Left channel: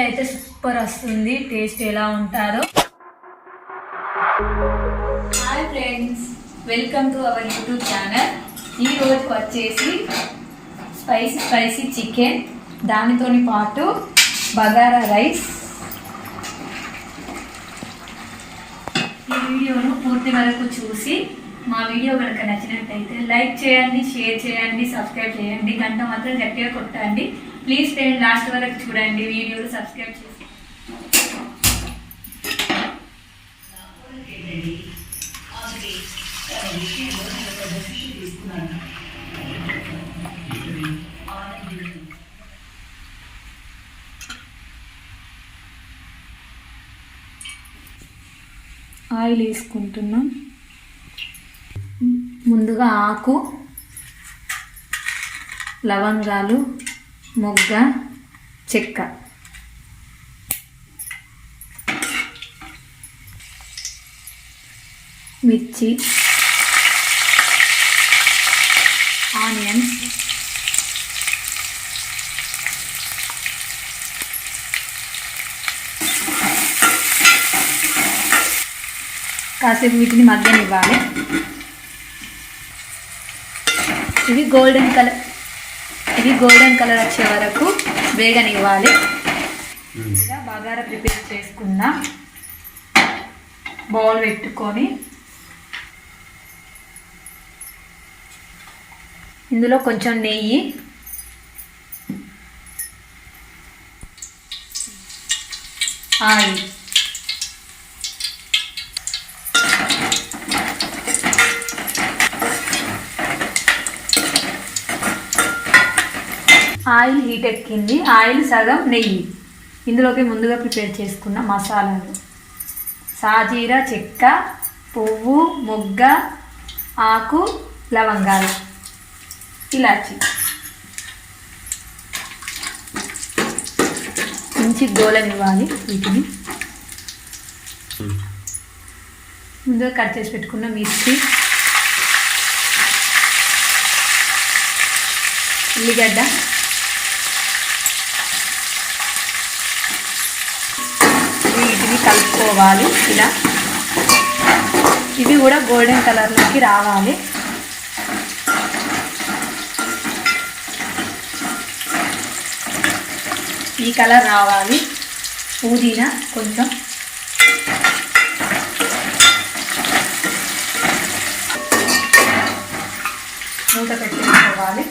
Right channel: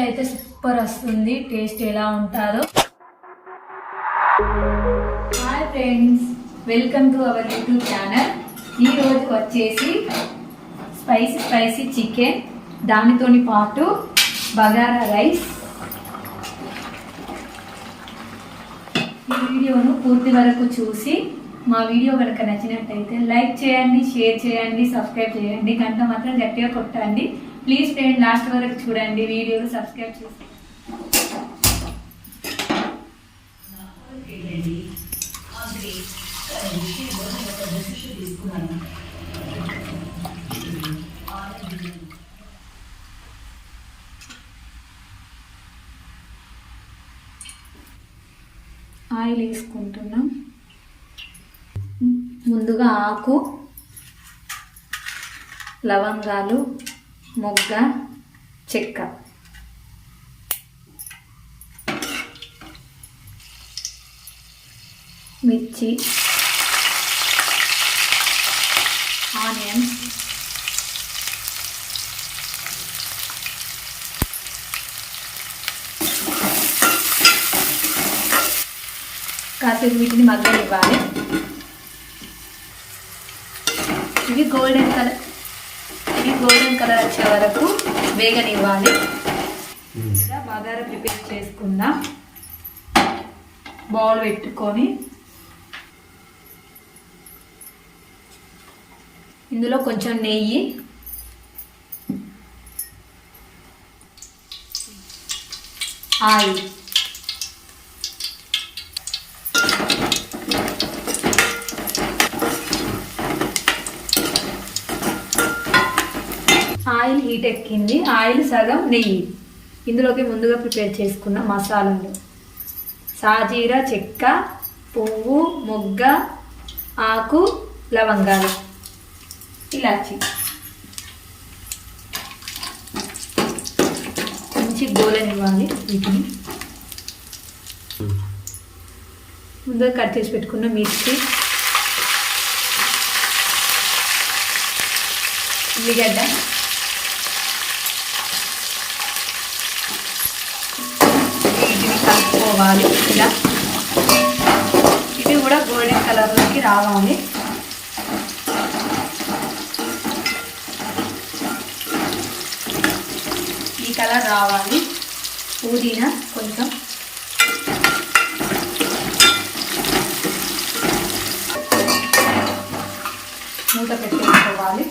అయితే సూపర్ వస్తుంది. టేస్ట్ ఎలా ఉంటుందో. Hi friends, welcome to our YouTube channel. ఈరోజు వచ్చేసి స్పైసీ చికెన్, దానితోని పాటు బగారా రైస్. ఈ వీడియోను పూర్తి వరకు చూసి మా వీడియో కనుక నచ్చినట్టయితే లైక్ చేయండి, షేర్ చేయండి, సబ్స్క్రైబ్ చేయండి, గంట మాత్రం గట్టిగా కొట్టండి. ప్లీజ్ ఫ్రెండ్, లాస్ట్ వరకు చూడండి వీడియోలు, సబ్స్క్రైబ్ చేసి. ఆయిల్ వేసుకుంటున్నాం. ముందుగా ఆకు, లవంగాలు, మొగ్గ, చెక్క, మిర్చి, ఆనియన్స్, కాసేపు వీటిని మగ్గనివ్వాలి. ఇవి గోల్డెన్ కలర్ వచ్చే వరకు వేగనివ్వాలి. బగారా ప్రిపేర్ చేసుకున్న బౌల్ పెట్టుకొని ఇందులో కొంచెం నెయ్యి, ఆయిల్, ఆయిల్ హీట్ ఎక్కింది. ఆయిల్ సగం నెయ్యి. ఇందులోకి ముందుగా ప్రిపేర్ చేసుకున్న మసాలాలు: సాజీరా, చెక్క, పువ్వు, మొగ్గ, ఆకు, లవంగాలు, ఇలాచి. మంచి గోలనివ్వాలి. వీటిని ముందుగా కట్ చేసి పెట్టుకున్న మిర్చి, ఉల్లిగడ్డ, వీటిని కలుపుకోవాలి. ఇలా ఇవి కూడా గోల్డెన్ కలర్లోకి రావాలి. ఈ కలర్ రావాలి. పుదీనా కొంచెం, మూత పెట్టేసుకోవాలి.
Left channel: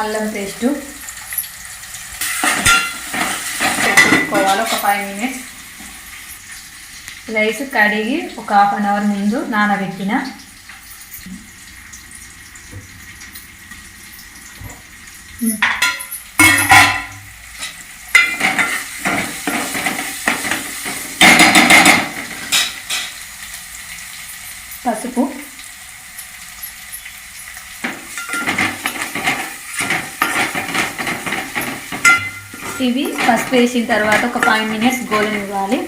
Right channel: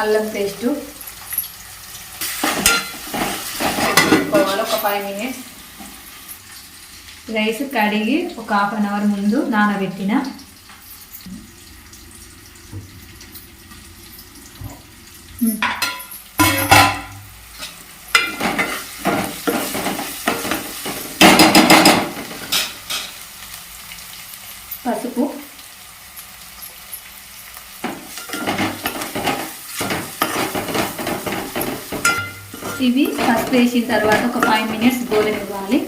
అల్లం పేస్టు పెట్టుకోవాలి ఒక 5 minutes. రైస్ కడిగి ఒక 1/2 hour ముందు నానబెట్టిన. పసుపు, ఇవి పసుపు వేసిన తర్వాత ఒక 5 minutes గోలనివ్వాలి.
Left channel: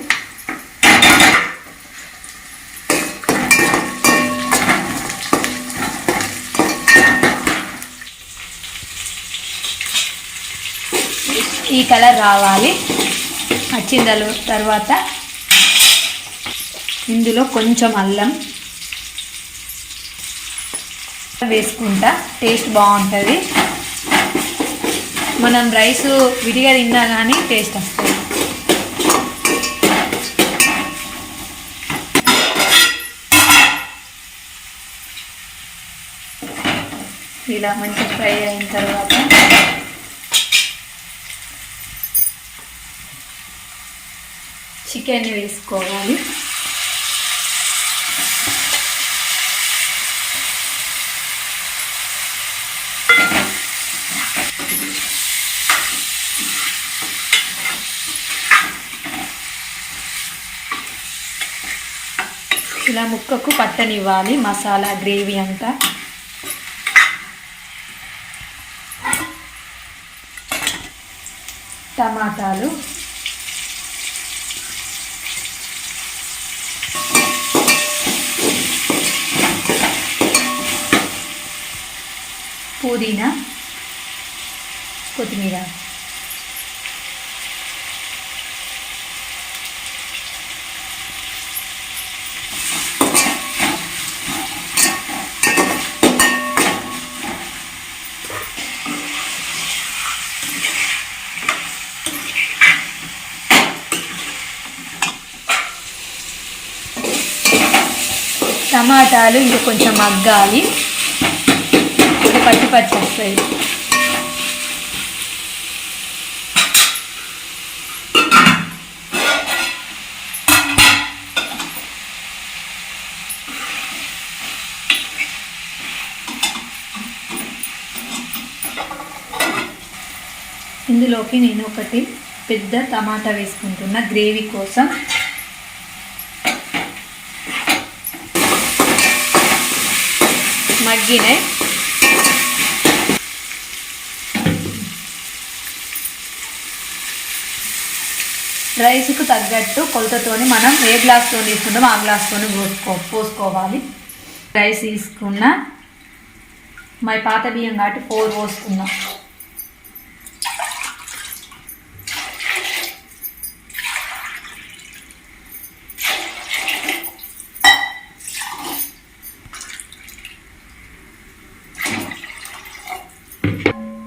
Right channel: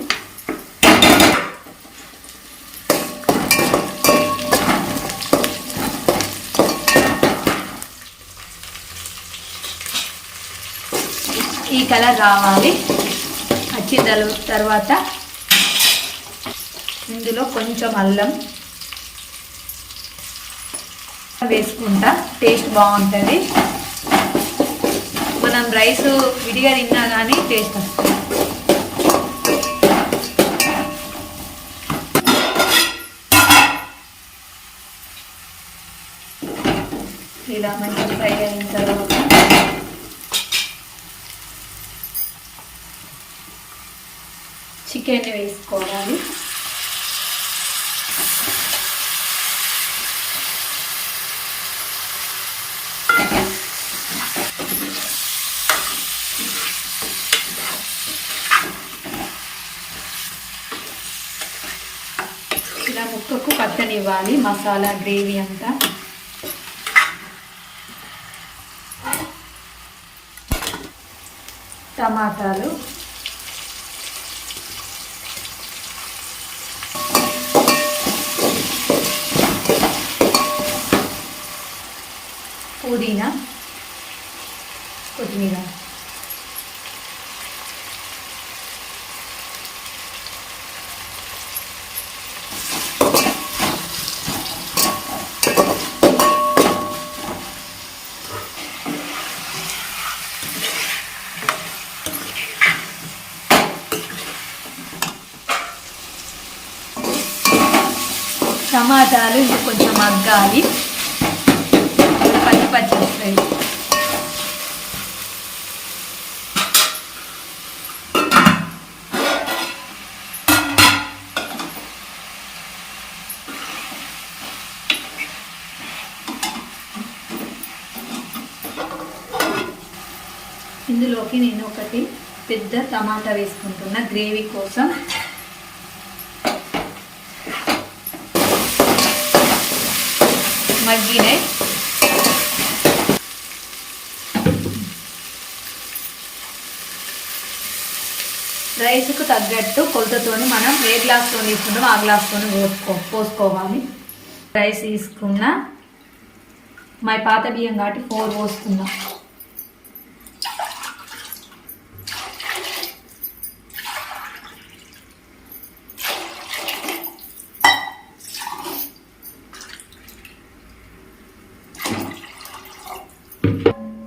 ఈ కలర్ రావాలి. వచ్చిన తర్వాత ఇందులో కొంచెం అల్లం వేసుకుంటా. టేస్ట్ బాగుంటుంది. మనం రైస్ విడిగా తిన్నా కానీ టేస్ట్ వస్తుంది. ఇలా మంచి ఫ్రై అయిన తర్వాత చికెన్ వేసుకోవాలి. ఇలా ముక్కకు పట్టనివ్వాలి మసాలా గ్రేవీ అంతా. టమాటాలు, పుదీనా, కొత్తిమీర. టమాటాలు ఇంకా కొంచెం మగ్గాలి, పచ్చి వస్తాయి. ఇందులోకి నేను ఒకటి పెద్ద టమాటా వేసుకుంటున్నా గ్రేవీ కోసం. మగ్గినాయి. రైస్కు తగ్గట్టు కొలతతోని మనం ఏ గ్లాస్తో తీసుకుంటామో ఆ గ్లాస్తో పోసుకోవాలి. రైస్ తీసుకున్న మా పాత బియ్యం కాబట్టి 4 పోసుకున్నాం.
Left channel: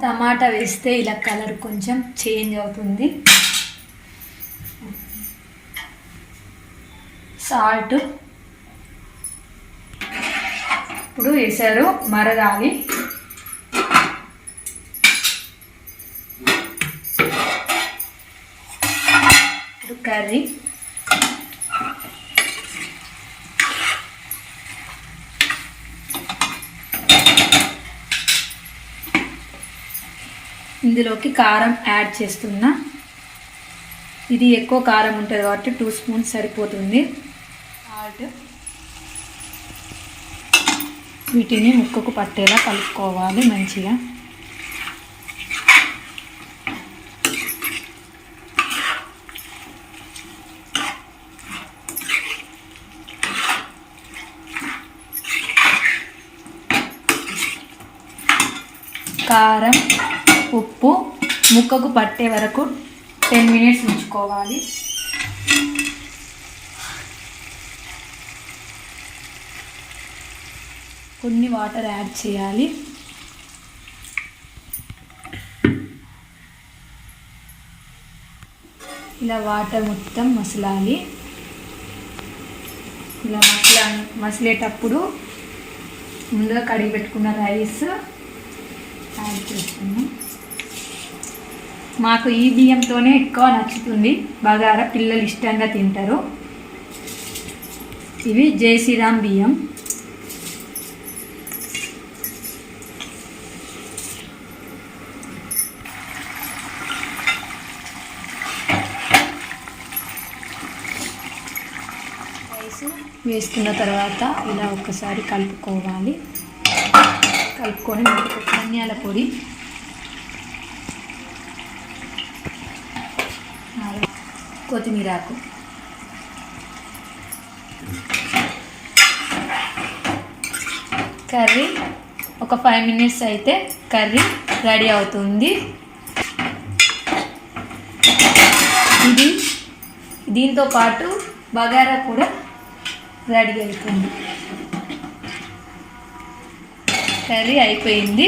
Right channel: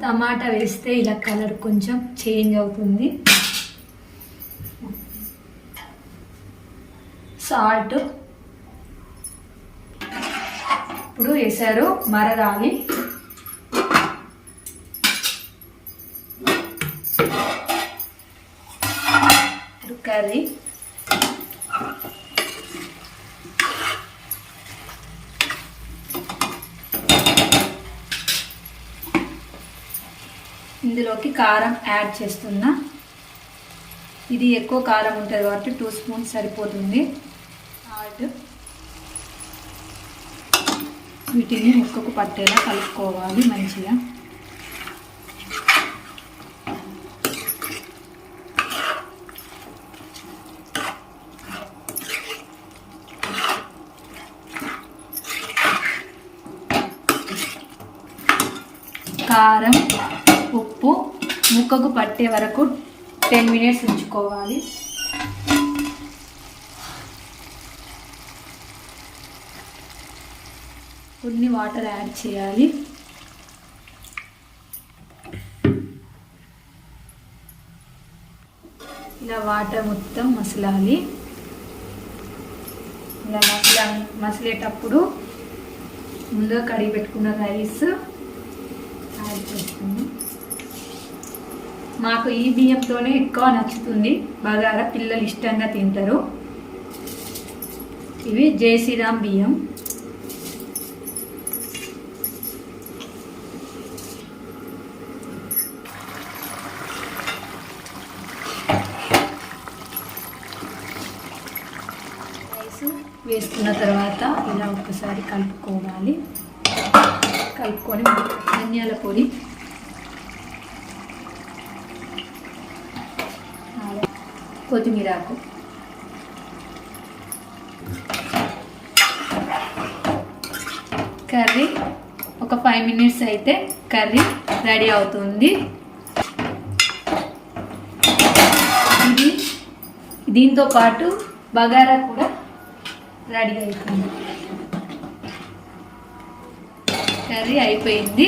టమాటా వేస్తే ఇలా కలర్ కొంచెం చేంజ్ అవుతుంది. సాల్ట్ ఇప్పుడు వేసారు, మరగాలి. ఇప్పుడు కర్రీ ఇందులోకి కారం యాడ్ చేస్తున్నా. ఇది ఎక్కువ కారం ఉంటుంది కాబట్టి 2 స్పూన్స్ సరిపోతుంది. సాల్ట్, వీటిని ముక్కకు పట్టేలా కలుపుకోవాలి మంచిగా. కారం, ఉప్పు ముక్కకు పట్టే వరకు 10 మినిట్స్ ఉంచుకోవాలి. కొన్ని వాటర్ యాడ్ చేయాలి. ఇలా వాటర్ మొత్తం మసలాలి. ఇలా మసిలేటప్పుడు ముందుగా కడిగి పెట్టుకున్న రైస్ యాడ్ చేస్తున్నాం. మాకు ఈ బియ్యంతోనే ఎక్కువ నచ్చుతుంది బగారా, పిల్లలు ఇష్టంగా తింటారు. ఇవి జై శ్రీరామ్ బియ్యం. రైస్ వేసుకున్న తర్వాత ఇలా ఒకసారి కలుపుకోవాలి. కలుపుకొని ధనియాల పొడి, కొత్తిమీరాకు, కర్రీ ఒక 5 మినిట్స్ అయితే కర్రీ రెడీ అవుతుంది. ఇది దీంతో పాటు బగారా కూడా రెడీ అవుతుంది. కర్రీ అయిపోయింది.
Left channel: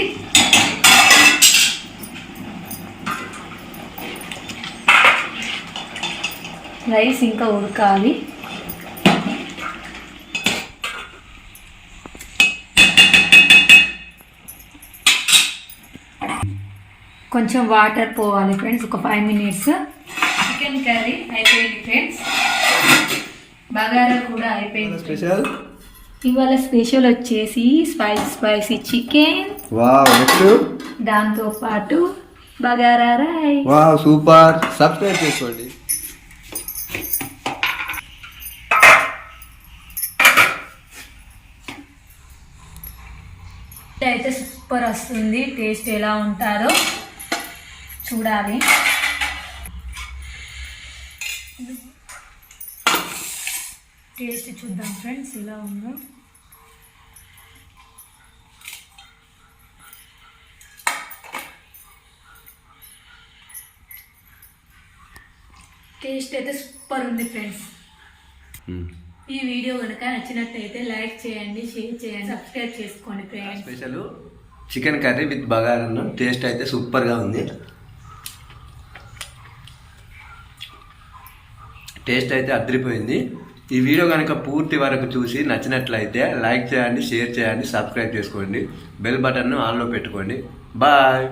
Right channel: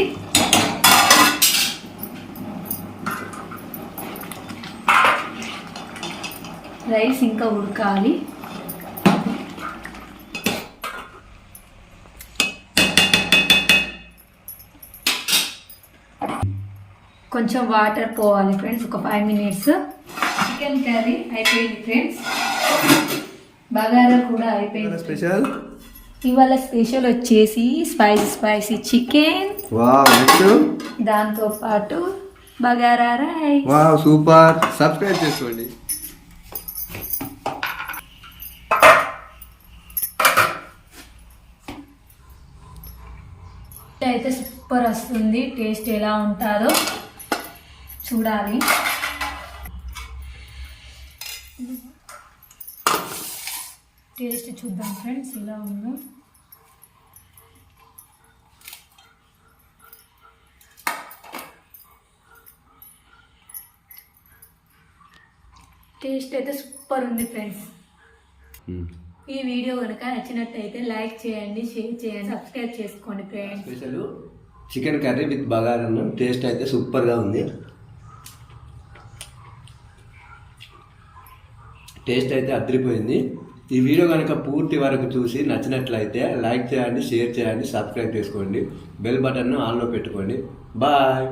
రైస్ ఇంకా ఉడకాలి. కొంచెం వాటర్ పోవాలి ఫ్రెండ్స్, ఒక 5 మినిట్స్. చికెన్ కర్రీ అయిపోయింది ఫ్రెండ్స్. బగారా కూడా అయిపోయింది. స్పెషల్ ఇవాళ స్పెషల్ వచ్చేసి స్పైసీ చికెన్, దాంతో పాటు bagara rice. Wow super. Subscribe చేసుకోండి. అయితే సూపర్ వస్తుంది. టేస్ట్ ఎలా ఉంటుందో చూడాలి. టేస్ట్ చూద్దాం ఫ్రెండ్స్ ఎలా ఉందో. టేస్ట్ అయితే సూపర్ ఉంది ఫ్రెండ్స్. ఈ వీడియో కనుక నచ్చినట్టయితే లైక్ చేయండి, షేర్ చేయండి, సబ్స్క్రైబ్ చేసుకోండి friends. Special chicken curry with బగారన్నం. టేస్ట్ అయితే సూపర్గా ఉంది. టేస్ట్ అయితే అదిరిపోయింది. ఈ వీడియో కనుక పూర్తి వరకు చూసి నచ్చినట్లయితే లైక్ చేయండి, షేర్ చేయండి, సబ్స్క్రైబ్ చేసుకోండి, బెల్ బటన్ను ఆన్లో పెట్టుకోండి. బాయ్.